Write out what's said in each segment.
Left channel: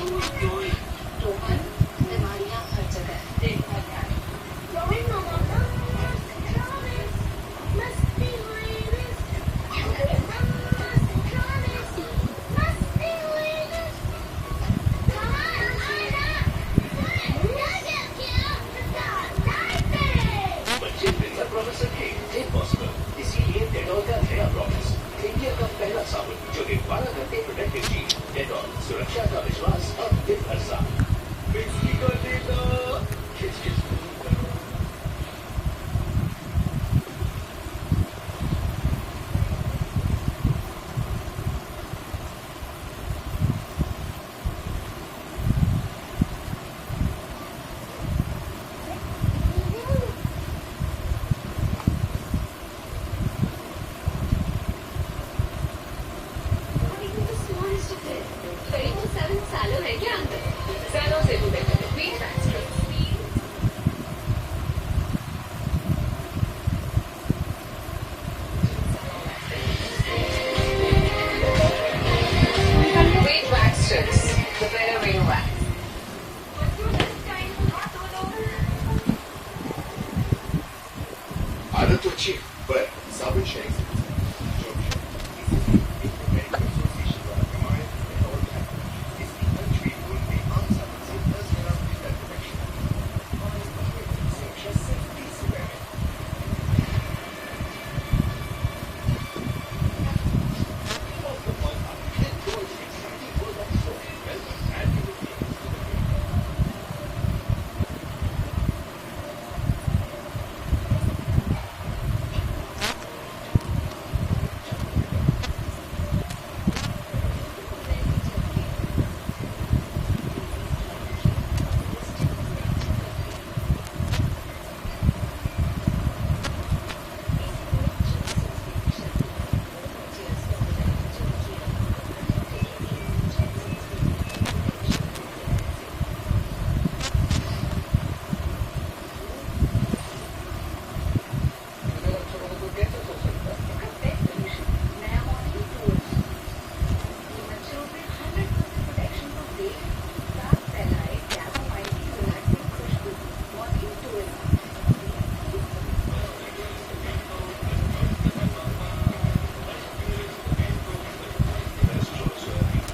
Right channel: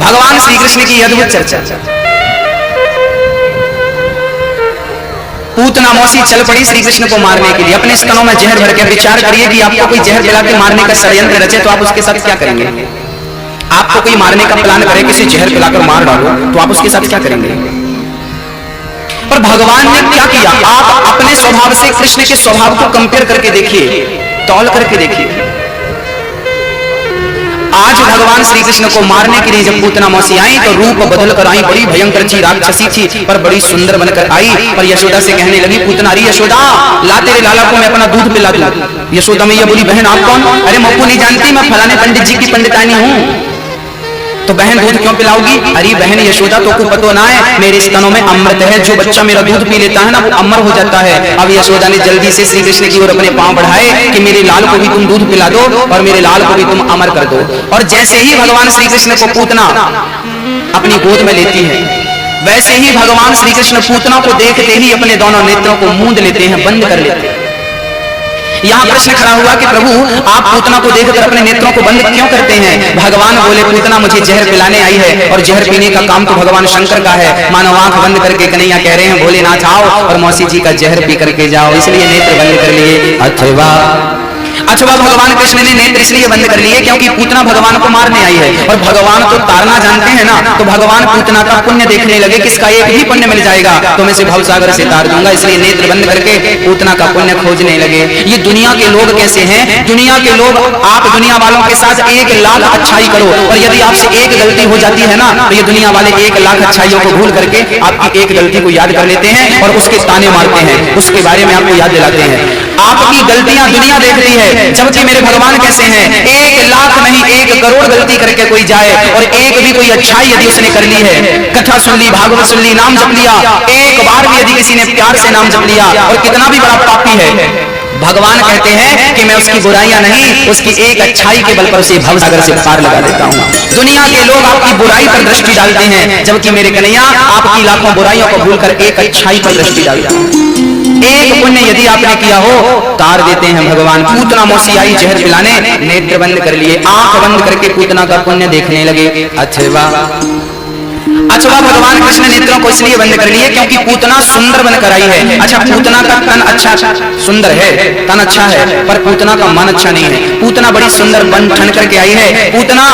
भगवान श्री कृष्ण की अद्भुत चर्चा। पूतना मौसी चल पड़ी श्री कृष्ण को मारने के लिए, अपने स्तनों में जहर भर के। विचार करिए कि आपको कोई जहर पिला के मारने का षड्यंत्र रचे तो आप उसके साथ क्या करेंगे? आपको कोई मारने का प्लान करे, किसी जहर पिलाकर मार डालो, तो आप उसके साथ क्या करेंगे? पर भगवान ने क्या किया? आप अपने स्वभाव से कृष्ण के स्वभाव को कंपेयर करके देखिए, तौल करके देखिए। आज भगवान श्री कृष्ण को मारने के लिए जब पूतना मौसी आई तो रूप बदल कर आई, बड़ी भयंकर ची राक्षसी थी पर बड़ी सुंदर बनकर आई। पर यशोदा से कहने लगी, पूतना, अरे यशोदा, ला तेरे लाला को मैं अपना दूध पिला दूं। यशोदा मैया बोली, बहन आप कौन? अरे मप्पू नहीं जानती, मैं फलाने पंडित जी की पंडितानी हूँ। तो बहन दूध क्यों पिलाओगी? अरे बहन यशोदा, तो को पता ना है मेरे स्तनों में अमृत है, जो बच्चा मेरा दूध पी लेता है ना वो अमर हो जाता है। अब यशोदा ने जल्दी से श्री कृष्ण की ओर अपने पांव बढ़ाए कि मेरे लाल को भी तुम दूध पिला दो और मेरे लाल को भी तुम अमर कर दो। और जैसे ही भगवान श्री कृष्ण को पूतना अपनी गोद में लेती है, वैसे ही भगवान श्री कृष्ण पूतना को देखते ही अपने दोनों नेत्रों को मूंद लेते हैं, बंद कर लेते हैं। यहाँ प्रश्न खड़ा हुआ कि प्रभु आप पूतना को देखकर अपने नेत्रों को बंद क्यों करते हैं? भगवान बोले, पूतना मुझे जहर पिलाने आई है और जहर पीने का काम तो भगवान शंकर का है। मानो आंख बंद करके कन्हैया कह रहे हैं, भोलेनाथ आओ और मौसी जी का जहर पी करके जाओ, इसलिए नेत्र बंद कर लिए। अथवा भगवान कृष्ण ने नेत्र इसलिए बंद कर लिए क्योंकि पूतना भगवान को मारने आई है और भगवान तो तारना जानते हैं ना, तो भगवान पूतना का पुण्य देखने लगे, किसका एक ही पुण्य मिल जाएगा तो मैं इसे भवसागर से तार दूंगा, इसलिए नेत्र बंद करके पूतना का पुण्य खोजने लगे। ये दुनिया के लोग कैसे हैं? दुनिया के लोग, आप दुनिया वालों के साथ 1 लाख अच्छाई करो और यदि आपसे एक गलती हो जाती है ना तो ये दुनिया वाले 1 लाख अच्छाइयों को भूल करके आपकी एक गलती को याद कर लेते हैं और उसके ताने मारते हैं, उसके बारे में आपको याद दिलाते हैं। आपकी गलतियां दुनिया देखती है, जबकि मेरे भगवान कैसे हैं? 1 लाख नहीं 1 करोड़ गलती करके कोई जाए और एक भी कोई अच्छाई यदि उसने कर ली है, कथा सुन ली, भागवत सुन ली, नाम जप लिया, एक बार भी यदि किसी ने प्यार से नाम जप लिया और कितना भी बड़ा पापी है, भगवान कहते हैं कि मैं उसकी बुराइयां नहीं, उसकी एक अच्छाई के बल पर उसे भवसागर से पार लगा देता हूं। दुनिया के लोग आपकी बुराई पर दृष्टि डालते हैं, जबकि मेरे कन्हैया आपकी लाखों बुराइयों को भूलकर एक अच्छाई पर दृष्टि डालता हूं। एक पुण्य यदि आपने किया हो तार देते हैं भगवान। पूतना मौसी आई जहर पिलाने, नेत्र बंद कर लिए, आंख बंद करके पूतना का पुण्य देखने लगे। अथवा भगवान कृष्ण नेत्रों को इसलिए बंद कर लिए क्योंकि पूतना सुंदर बनकर आई है। अच्छा, पूतना का तन अच्छा सुंदर है, तन अच्छा है, पर पूतना का मन अच्छा नहीं है। पूतना बड़ी सुंदर बन ठन करके आई है, पूतना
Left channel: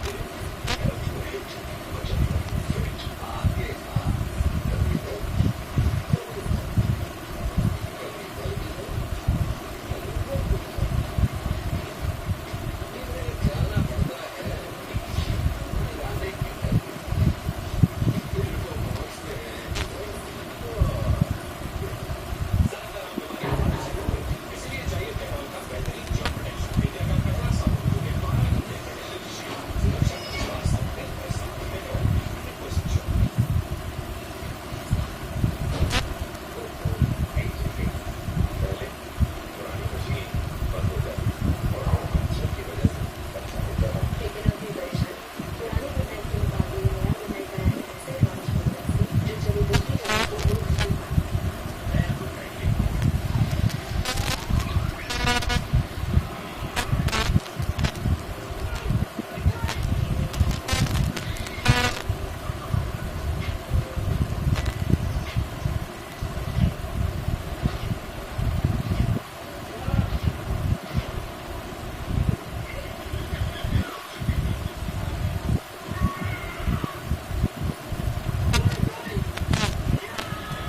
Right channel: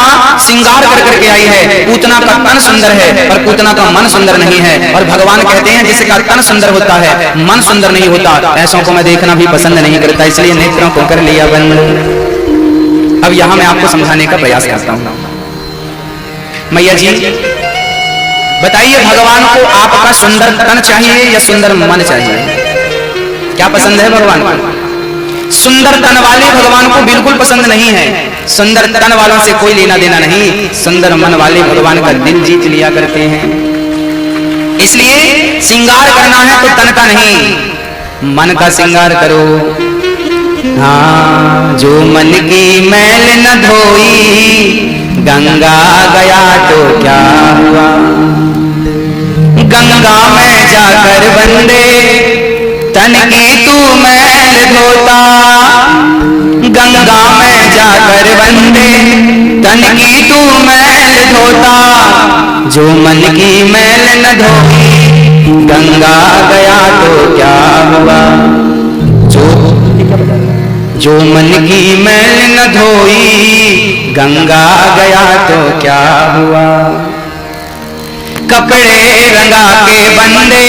श्रृंगार कर करके आई है, पूतना का तन सुंदर है पर पूतना का मन सुंदर नहीं है। और भगवान कहते हैं जिसका तन सुंदर होता है मन सुंदर नहीं होता, ऐसों को मैं देखना भी पसंद नहीं करता, इसलिए नेत्रों को कर लिया बंद। अब यहां मैं आपको समझाने का प्रयास करता हूं। मैया जी बताइए, भगवान को आपका सुंदर तन चाहिए या सुंदर मन चाहिए? क्या पसंद है भगवान को? सुंदर तन वाले भगवान को बिल्कुल पसंद नहीं है, सुंदर तन वालों से कोई लेना देना नहीं, सुंदर मन वाले भगवान का दिल जीत लिया करते हैं। इसलिए श्रृंगार करना है तो तन का नहीं, मन का श्रृंगार करो। हाँ, जो मन की मैल न धोई गंगा गया तो क्या हुआ, गंगा में जाकर बंदे तन की तू मैल धोता, गंगा में जाकर बंदे तन की तू मैल धोता, जो मन की मैल न धोई गंगा गया तो क्या हुआ, जो मन की मैल न धोई गंगा गया तो क्या हुआ। कपड़े रंगा के बंदे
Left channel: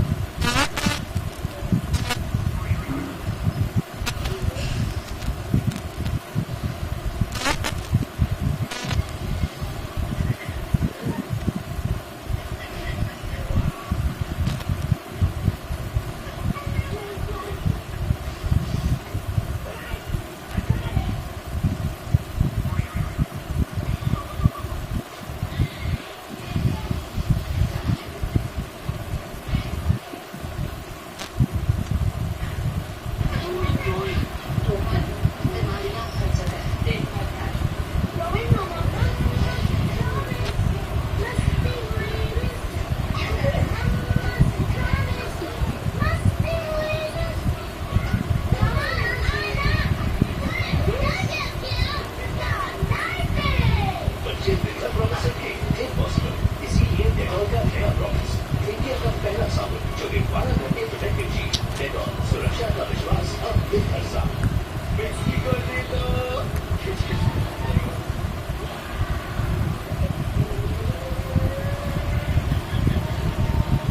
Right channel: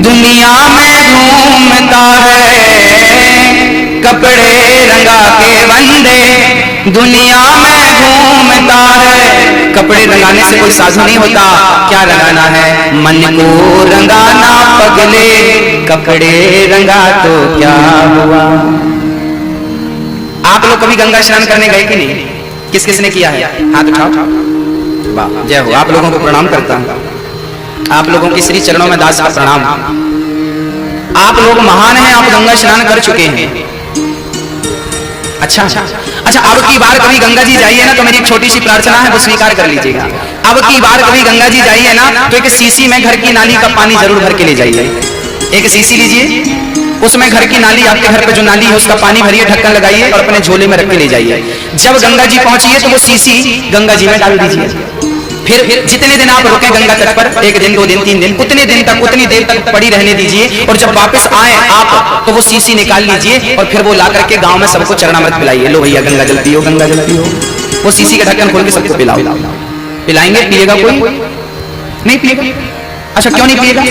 दुनिया में घूमता है, कपड़े रंगा के बंदे दुनिया में घूमता है। कपड़े रंगाने से कोई साधु नहीं होता, क्या रंगाना है? मन को रंगाना पगले, कपड़े रंगा तो क्या हुआ। आप लोग कभी गंगा स्नान करने गए कि नहीं? किस किसने किया है? हाथ उठाओ। वाह, जय हो। आप लोगों को प्रणाम करता हूं, आप लोगों के श्री चरणों में दास का प्रणाम। आप लोग महान हैं, आप गंगा स्नान कर चुके हैं। अच्छा, अब की बार कभी गंगा जी जाइए ना तो मेरी एक छोटी सी प्रार्थना है, वो स्वीकार कर लीजिएगा। अब की बार कभी गंगा जी जाइए ना तो एक सीसी में घर की नाली का पानी जरूर भर के ले जाइए। एक सीसी लीजिए, उसमें घर की नाली, आपके घर पे जो नाली है उसका पानी भरिए, ढक्कन लगाइए और अपने झोले में रख के ले जाइए। जब गंगा जी पहुंचिए तो वो सीसी गंगा जी में डाल दीजिए। फिर जितने दिन आप रुके गंगा तट पर, 1 दिन 2 दिन 3 दिन, उतने दिन तक उतनी देर तक पड़ी रहने दीजिए, और जब वापस आए आप तो वो सीसी निकाल लीजिए और फिर वो ला करके गांव में सबको चरणामृत पिलाइए। लो भैया गंगा जल पियो, गंगा जल पियो। वो सीसी का ढक्कन खोल के सबको पिलाओ। पिलाएंगे? पिएगा कोई? नहीं पिएगा। अच्छा क्यों नहीं पिएगा?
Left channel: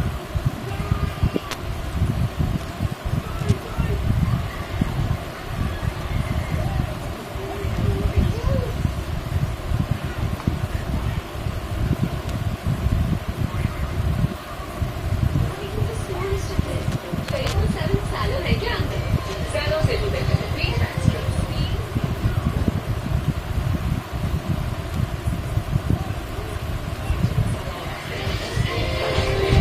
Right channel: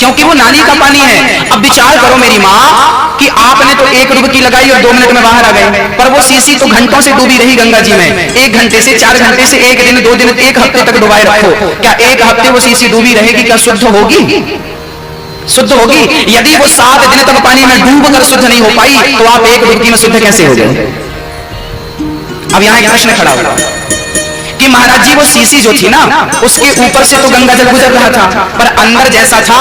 क्योंकि वो नाली का पानी है। अब विचार करो मेरी माँ कि आपने तो 1 डुबकी लगाई और 2 मिनट में बाहर आ गए, पर वो सीसी तो घंटों से डूबी रही गंगा जी में। 1 घंटे से 4 घंटे से 1 दिन 2 दिन 1 हफ्ते तक डुबाए रखो, क्या 1 हफ्ते वो सीसी डूबी रहेगी? क्या शुद्ध होगी? शुद्ध होगी? यदि वो 7 दिन तक पानी में डूब कर शुद्ध नहीं हो पाई तो आप 1 डुबकी में शुद्ध कैसे हो गए? अब यहाँ एक प्रश्न खड़ा होगा कि महाराज जी वो सीसी जो थी ना, उसके ऊपर से तो गंगा जल गुजर रहा था, पर अंदर जैसा था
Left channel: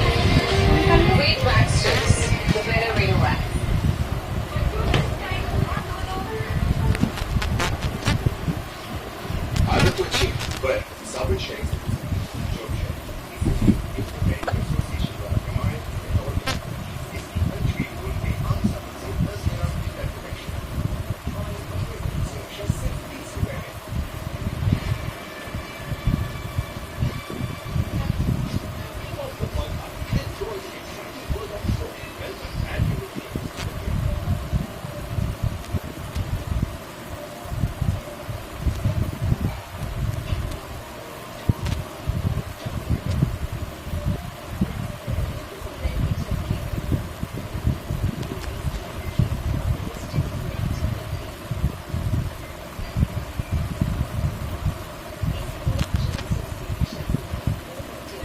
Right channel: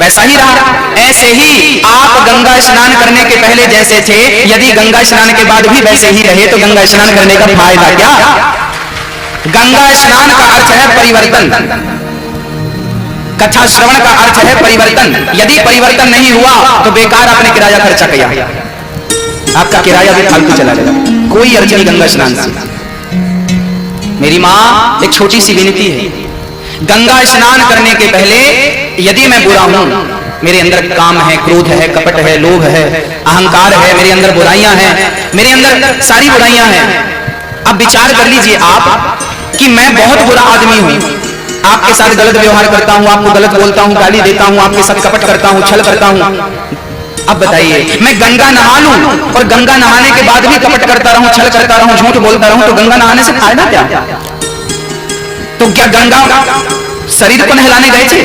वैसा ही रहा। ऐसे ही आप गंगा स्नान करने के पहले जैसे थे, यदि गंगा स्नान के बाद भी वैसे ही रहे तो गंगा स्नान करने का फायदा क्या? गंगा स्नान का अर्थ है परिवर्तन, कथा श्रवण का अर्थ है परिवर्तन। यदि परिवर्तन नहीं हुआ तो बेकार आपने किराया खर्चा किया, आपका किराया भी फालतू चला गया। कोई अर्थ नहीं गंगा स्नान से। मेरी माँ एक छोटी सी विनती है, गंगा स्नान करने के पहले यदि मैं बुरा हूं, मेरे अंदर काम है, क्रोध है, कपट है, लोभ है, अहंकार है, मेरे अंदर बुराइयां हैं, मेरे अंदर सारी बुराइयां हैं। अब विचार कर लीजिए आप कि मैं बहुत बुरा आदमी हूं, आपके साथ गलत व्यवहार करता हूं, आपको गलत बोलता हूं, गाली देता हूं, आपके साथ कपट करता हूं, छल करता हूं। अब बताइए मैं गंगा नहा लूं और गंगा नहाने के बाद भी कपट करता रहूं, छल करता रहूं, झूठ बोलता रहूं, तो गंगा नहाने से फायदा क्या? तो क्या गंगा शरीर को नहलाने गए थे?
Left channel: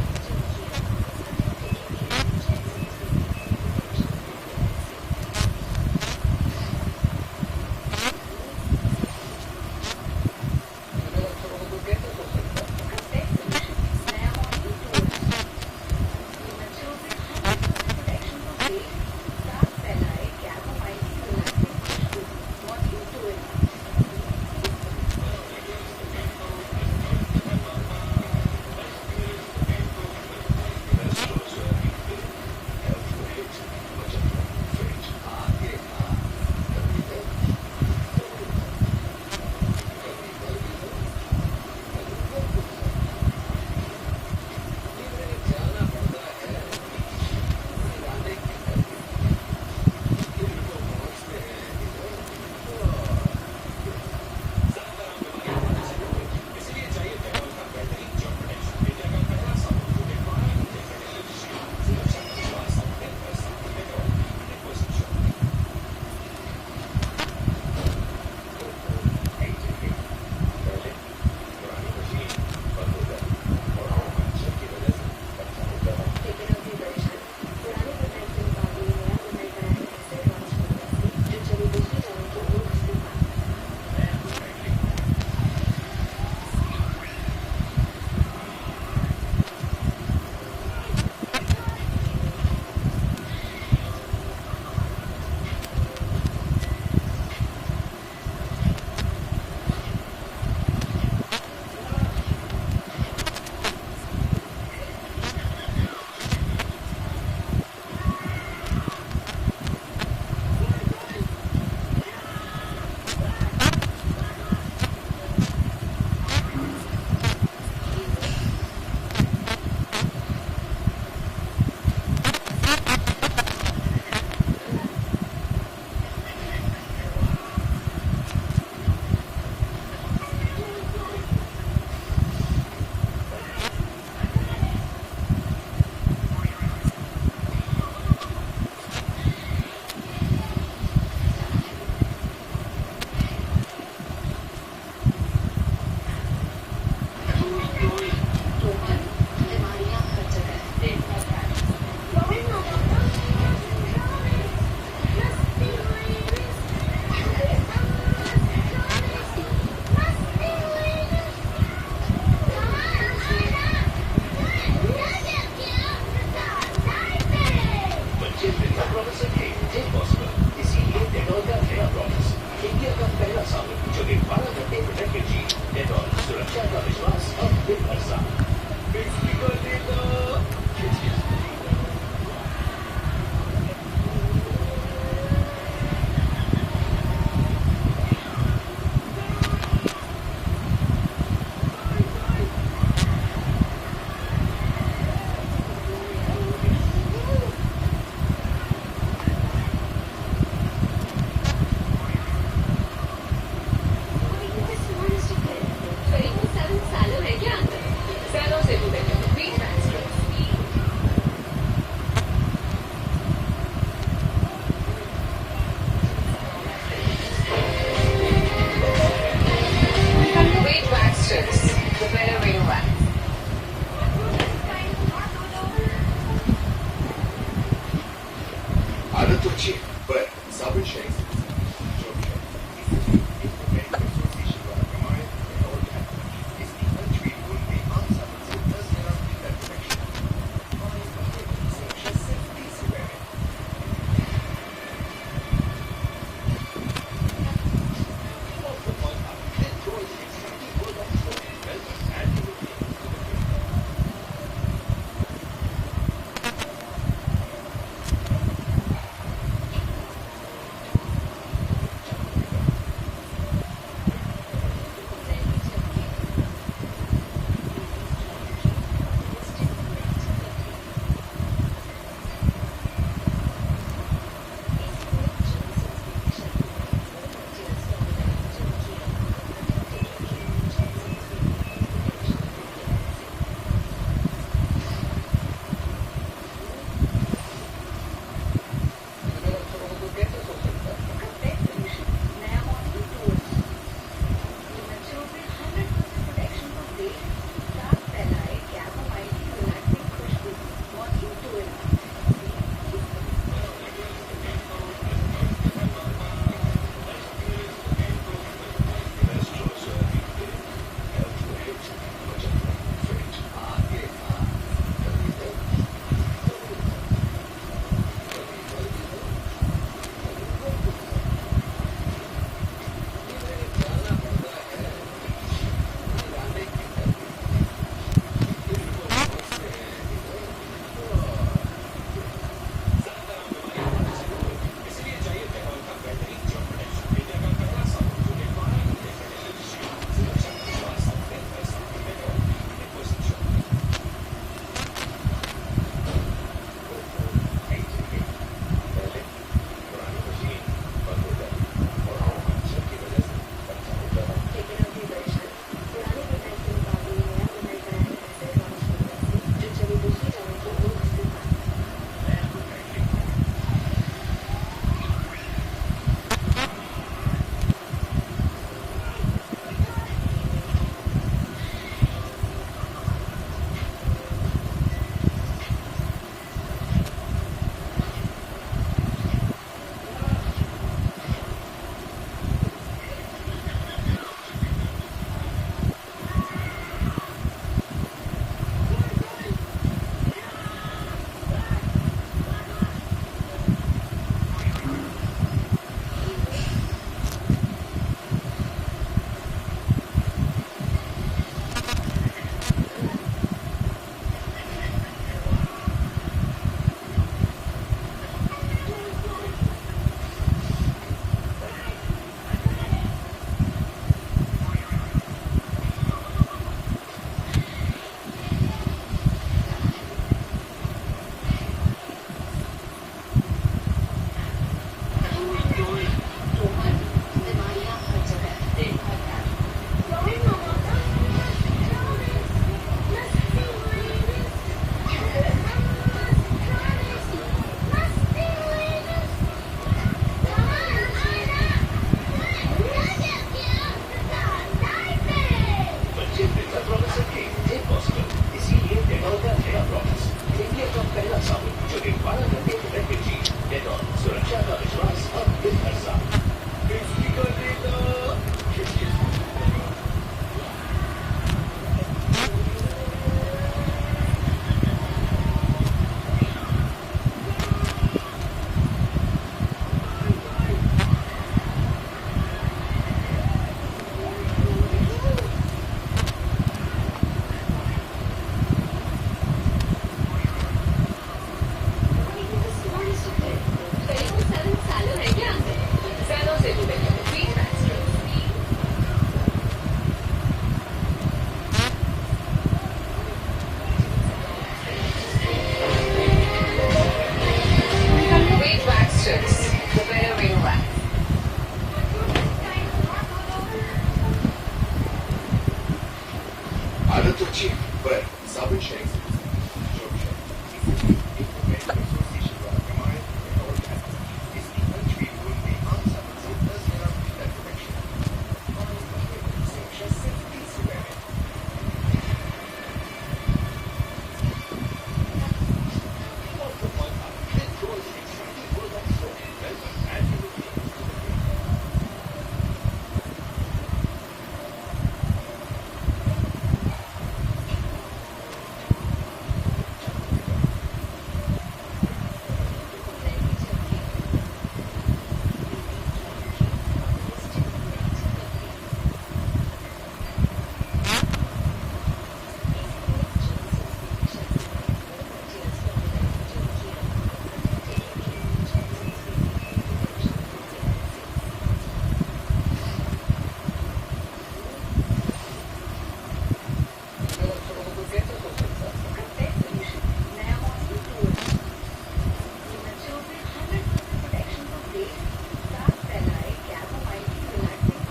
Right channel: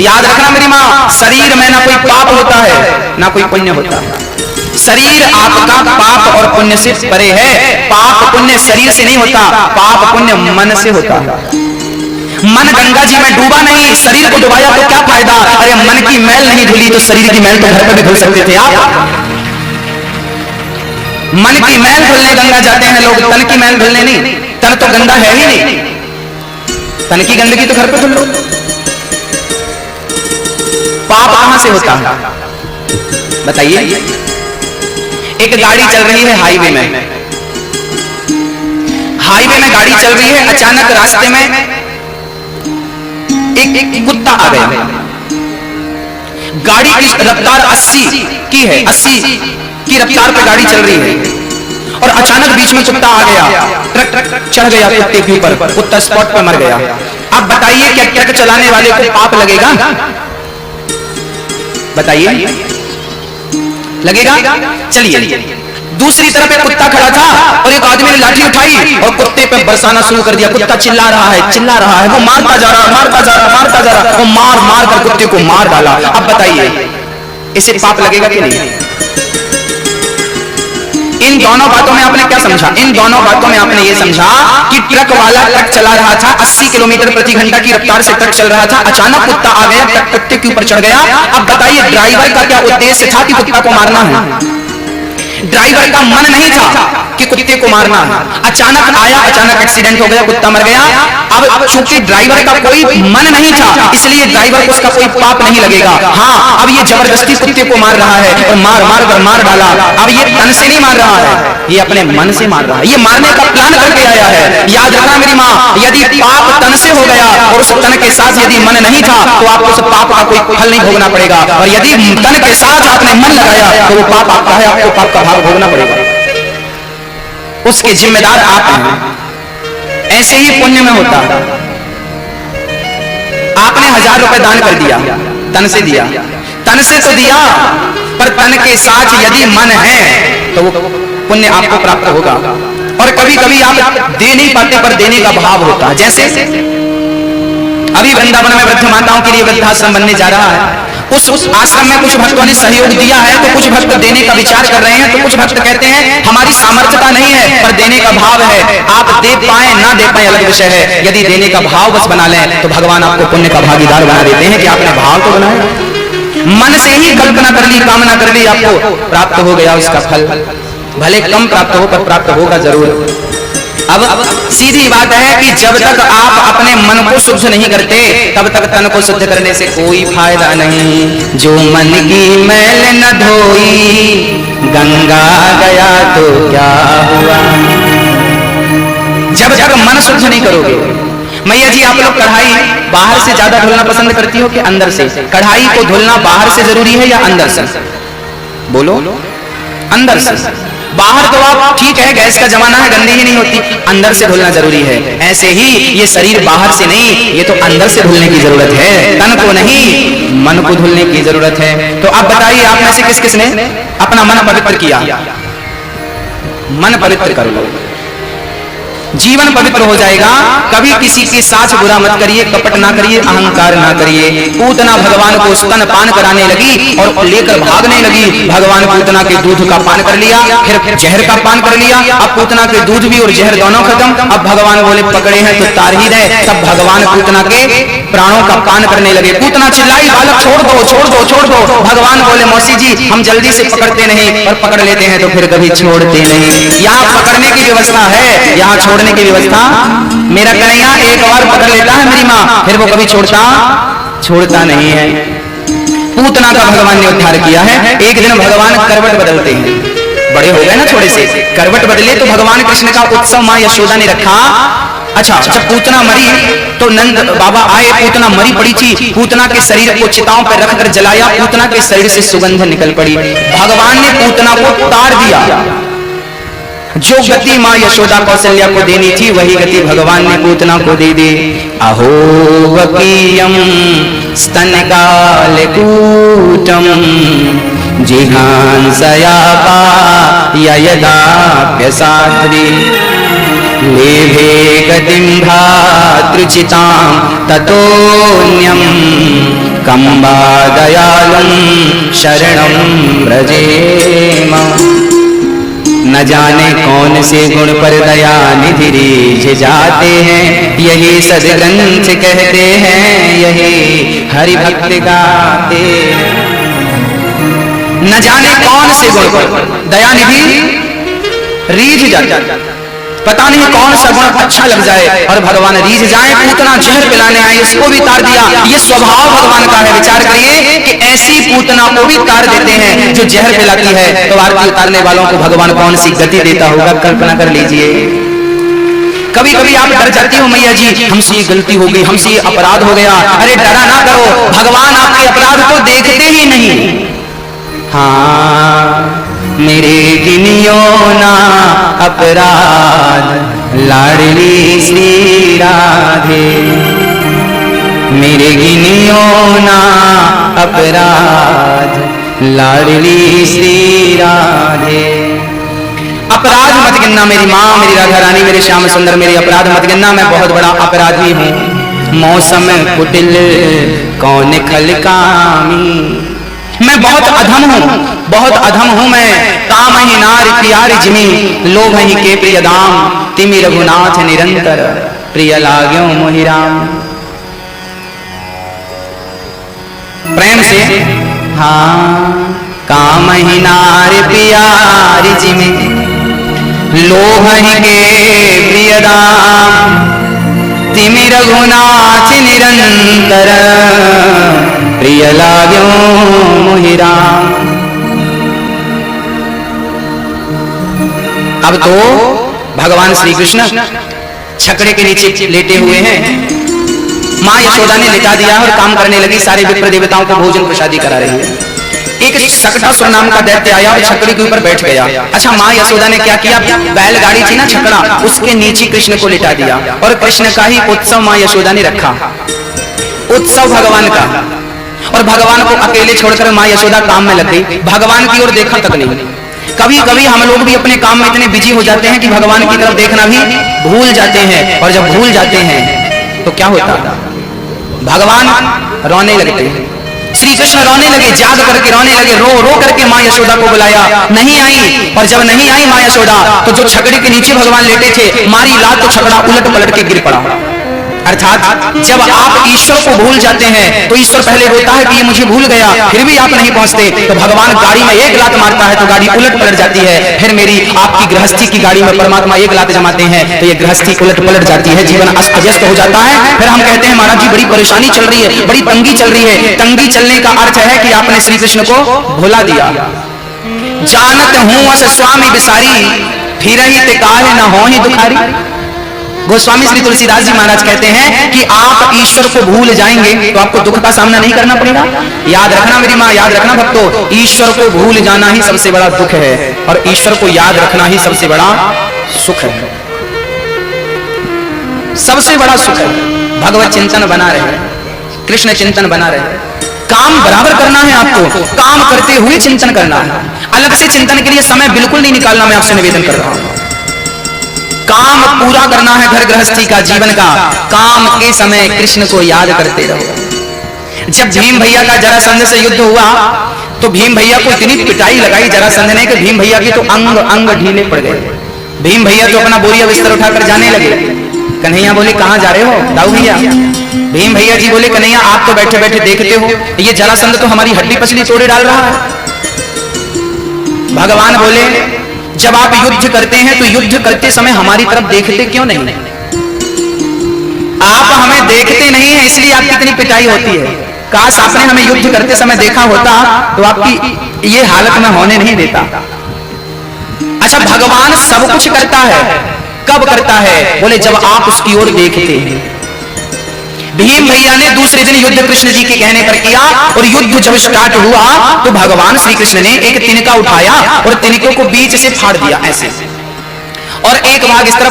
याद रखना मेरी माँ, शरीर में ना कोई पाप होता है ना कोई पुण्य होता है। शरीर आपका पाप और पुण्य से परे है। पाप पुण्य शरीर से नहीं होता, पाप पुण्य मन से होता है। मन गंगा जी में डूबा नहीं, शरीर को डुबाया तो क्या फायदा? अरे मन की मैल नहीं धुली तो शरीर की मैल तो घर पर भी धुल सकते थे आप। मन की मैल धुलने गंगा जाते हैं लोग, तन की मैल धुलने नहीं। तन तो गंदा है ही नहीं, तन की गंदगी तो घर पे धुल लो। पाप कहां से होता है बताइए? एक गाड़ी चल रही है हाईवे में, हाईवे में गाड़ी चल रही है, अचानक रास्ते में एक कुत्ता आ गया। गाड़ी की रफ्तार 80 की है, 80 की रफ्तार पे गाड़ी चल रही है और अचानक बीच में कुत्ता आ गया, ट्रक चढ़ गया कुत्ते के ऊपर, कुत्ता स्पॉट पर मर गया। अब बताइए क्या ट्रक चलाने वाले को पाप लगेगा? बताइए लगेगा? चलिए दूसरी तरफ एक कुत्ता खड़ा था और एक आदमी ने लाठी उठाई और कुत्ते पे बरसाना शुरू कर दिया। कुत्ता चिल्ला रहा है, वो मारता जा रहा, वो मार मार कर कुत्ते को मार डाला। अब बताइए इसे पाप लगेगा कि नहीं? इन दोनों बातों में आपने क्या समझा? इन दोनों बातों में आपने ये समझा कि ट्रक वाला ट्रक चला रहा था, 80 किलोमीटर प्रति घंटा की रफ्तार से ट्रक चल रहा था, अचानक कुत्ता आ गया, ट्रक कुत्ते के ऊपर चढ़ गया। अब बताइए ड्राइवर का क्या उद्देश्य था कि कुत्ता को मारना है? ड्राइवर का मन नहीं था कि कुत्ते को मारना है। अचानक आया, अचानक एक्सीडेंट हो गया, कुत्ता मर गया। अब चूंकि ड्राइवर का कोई मन नहीं था इसलिए ड्राइवर को उसका कोई पाप नहीं लगेगा। हाँ, अब ये जबरदस्ती कुत्ते को मार रहा है और मार मार कर मार डाला। अब ये तन से नहीं मार रहा है, ये अपने मन से मार रहा है, ये मारने का प्लान करके आया है। याद रखना मेरी माँ, यदि पाप तन से हो गया और उस तन के साथ यदि मन नहीं था तो आपको उस पाप का कोई फल नहीं भोगना पड़ेगा, और यदि तन के साथ आपने मन लगाया तो वो पाप आपका है, आपको पाप का भाग भोगना पड़ेगा, उसके जिम्मेदार आप हैं। ऐसे ही पुण्य में होता है। आपने 1000 रुपए दान कर दिया, तन से दिया, तन से तो दिया, पर तन के साथ यदि मन है तो वो पुण्य आपको प्राप्त होगा। और कभी कभी आप दे नहीं पाते पर देने का भाव होता है। जैसे अभी वृंदावन में वृद्ध माताओं के लिए वृद्धाश्रम बनने जा रहा है, उस आश्रम में कुछ भक्तों ने सहयोग दिया है तो कुछ भक्त देने का विचार कर रहे हैं, तो कुछ भक्त कहते हैं हमारी सामर्थ्यता नहीं है पर देने का भाव है। आप दे पाए ना दे पाए अलग विषय है, यदि देने का भाव बस बना लें तो भगवान आपको पुण्य का भागीदार बना देते हैं कि आपने भाव तो बनाया, मन से ही कल्पना कर ली, कामना कर ली, आपको प्राप्त हो गया उसका फल, भले कम प्राप्त हो पर प्राप्त होगा जरूर। अब सीधी बात है कि जब तक आप अपने मन को शुद्ध नहीं करते तब तक तन को शुद्ध करने से कोई फायदा नहीं। जो मन की मैल न धोई गंगा गया तो क्या हुआ? जब तक मन शुद्ध नहीं करोगे मैया जी आप लोग कढ़ाई बाहर से ज्यादा धुलना पसंद करती हो कि अंदर से? कढ़ाई को धुलना बाहर से जरूरी है या अंदर से? बोलो। अंदर से। बाहर तो आप ठीक है, गैस का जमाना है, गंदी ही नहीं होती, अंदर से धुलना जरूरी है। ऐसे ही ये शरीर बाहर से नहीं, ये तो अंदर से धुलने की जरूरत है, तन को नहीं, मन को धुलने की जरूरत है। तो आप बताइए, आप में से किस किस ने अपना मन पवित्र किया? मन पवित्र कर लो, जीवन पवित्र हो जाएगा। कभी किसी के साथ बुरा मत करिए, कपट ना करिए, अहंकार ना करिए। पूतना भगवान को स्तन पान कराने लगी और लेकर भागने लगी। भगवान पूतना के दूध का पान कर लिया, फिर जहर का पान कर लिया। अब पूतना के दूध भी और जहर दोनों खत्म। अब भगवान बोले पकड़े हैं तो तार ही दे। तब भगवान पूतना के प्राणों का पान करने लगे। पूतना चिल्लाई, बालक छोड़ दो, छोड़ दो, छोड़ दो। भगवान बोले मौसी जी हम जल्दी से पकड़ते नहीं, और पकड़ लेते हैं तो फिर कभी छोड़ते नहीं। यहाँ पकड़ने की व्यवस्था है, यहाँ छोड़ने की व्यवस्था। मेरा कन्हैया एक बार पकड़ लेता है मेरी माँ, फिर वो कभी छोड़ता नहीं है। पूतना का भगवान ने उद्धार किया है। एक दिन भगवान करवट बदलते हैं, बड़े हो गए ना थोड़े से, करवट बदले तो भगवान कृष्ण का उत्सव माँ यशोदा ने रखा। अच्छा, जब पूतना मरी तो नंद बाबा आए, पूतना मरी पड़ी थी। पूतना के शरीर को चिताओं पर रखकर जलाया, पूतना के शरीर से सुगंध निकल पड़ी। भगवान ने पूतना को तार दिया। जो गति माँ यशोदा कौशल्या को देनी थी वही गति भगवान ने पूतना को दे दी। अहो वकीयम स्तनकालकूटम जिघांसयापा यदाप्यसाद्री लेभे गतिं भ्रातृचितां ततोऽन्यं कम्बा दयालुं शरणं व्रजेम। न जाने कौन से गुण पर दया निधि रीझ जाते हैं, यही सदग्रंथ कहते हैं, यही हरि भक्त गाते। न जाने कौन से गुण पर दया निधि रीझ जाते, पता नहीं कौन सा गुण अच्छा लग जाए और भगवान रीझ जाए। पूतना जहर पिलाने आए, इसको भी तार दिया। ये स्वभाव भगवान का है। विचार करिए कि ऐसी पूतना को भी तार देते हैं जो जहर पिलाती है, तो आरती उतारने वालों को भगवान कौन सी गति देता होगा, कल्पना कर लीजिए। कभी कभी आप डर जाती हो, मैया जी हमसे ये गलती हो गई, हमसे ये अपराध हो गया। अरे डरा ना करो, भगवान आपके अपराध को देखते ही नहीं। हाँ, मेरे गिनियो ना अपराध लाडली श्री राधे, मेरे गिनियो ना अपराध लाडली श्री राधे। अपराध मत गिनना मेरी माँ, मेरी राधा रानी, मेरे श्याम सुंदर, मेरी अपराध मत गिनना, मैं बहुत बड़ा अपराधी हूँ। मौसम कुटिल कौन खलकामी, मैं बहुत अधम हूँ, बहुत अधम हूँ मैं। काम ही नार प्यार जिमी, लोभ ही के प्रिय दाम, तिमि रघुनाथ निरंतर प्रिय लाग्यो मोहि राम। प्रेम से हाँ, काम ही नार प्यार जिमी, लोभ ही के प्रिय दाम, तिमि रघुनाथ निरंतर प्रिय लाग्यो मोहि राम। अब तो भगवान श्री कृष्ण छकड़े के नीचे लेटे हुए हैं। माँ यशोदा ने लेटा दिया और काम करने लगी, सारे विप्र देवताओं को भोजन प्रसादी करा रही है। एक सकटासुर नाम का दैत्य आया और छकड़ी के ऊपर बैठ गया। अच्छा, माँ यशोदा ने क्या किया, बैलगाड़ी थी ना छकड़ा, उसके नीचे कृष्ण को लिटा दिया और कृष्ण का ही उत्सव माँ यशोदा ने रखा, उत्सव भगवान का। और भगवान को अकेले छोड़कर माँ यशोदा काम में लग गई, भगवान की ओर देखा तक नहीं। कभी कभी हम लोग भी अपने काम में इतने बिजी हो जाते हैं कि भगवान की तरफ देखना भी भूल जाते हैं। और जब भूल जाते हैं तो क्या होता है, भगवान रोने लगते हैं। श्री कृष्ण रोने लगे, जाग करके रोने लगे, रो रो करके माँ यशोदा को बुलाया, नहीं आई। और जब नहीं आई माँ यशोदा तो जो छकड़े के नीचे भगवान लेटे थे, मारी लात तो छकड़ा उलट पलट के गिर पड़ा। अर्थात जब आप ईश्वर को भूल जाते हैं तो ईश्वर पहले होता है कि ये मुझे भूल गया, फिर भी आप नहीं पहुंचते, तो भगवान गाड़ी में एक लात मारता है तो गाड़ी उलट पलट जाती है। फिर मेरी आपकी गृहस्थी की गाड़ी में परमात्मा एक लात जमाते हैं तो ये गृहस्थी उलट पलट जाती है, जीवन अस्त व्यस्त हो जाता है। फिर हम कहते हैं महाराज जी बड़ी परेशानी चल रही है, बड़ी तंगी चल रही है। तंगी चलने का अर्थ है कि आपने श्री कृष्ण को भुला दिया। जानत हूं अस स्वामी बिसारी, फिर ही ते काहे न हो ही दुखारी। गोस्वामी श्री तुलसीदास जी महाराज कहते हैं कि आप ईश्वर को भूल जाएंगे तो आपको दुख का सामना नहीं करना पड़ेगा। याद रखना मेरी माँ, याद रखना भक्तों, ईश्वर को भूल जाना ही सबसे बड़ा दुख है और ईश्वर को याद रखना ही सबसे बड़ा सुख है। सबसे बड़ा सुख है भगवत चिंतन बना रहे, कृष्ण चिंतन बना रहे। काम बराबर करना है आपको, काम करते हुए चिंतन करना है। अलग से चिंतन के लिए समय बिल्कुल नहीं निकालना, मैं आपसे निवेदन कर रहा हूं। काम पूरा करना है घर गृहस्थी का, जीवन का। काम के समय कृष्ण को याद करते रहो। जब भीम भैया का जरासंध से युद्ध हुआ तो भीम भैया को इतनी पिटाई लगाई जरासंध ने कि भीम भैया के तो अंग अंग ढीले पड़ गए। भीम भैया तो अपना बोरिया बिस्तर उठाकर जाने लगे। कन्हैया बोले कहां जा रहे हो दाऊ भैया? भीम भैया जी बोले कन्हैया आप तो बैठे बैठे देखते हो, ये जरासंध तो हमारी हड्डी पसली तोड़े डाल रहा है। भगवान बोले जब आप युद्ध करते हैं तो युद्ध करते समय हमारी तरफ देखते क्यों नहीं? आप हमें देखते नहीं है इसलिए आपकी इतनी पिटाई होती है। काश आपने हमें युद्ध करते समय देखा होता तो आपकी ये हालत में होने नहीं देता। अच्छा, भगवान सब कुछ करता है, कब करता है? बोले जब आप उसकी ओर देखते हैं। भीम भैया ने दूसरे दिन युद्ध कृष्ण जी के कहने पर किया और युद्ध जब स्टार्ट हुआ तो भगवान श्री कृष्ण ने एक तिनका उठाया और तिनके को बीच से फाड़ दिया ऐसे, और एक भाग इस तरफ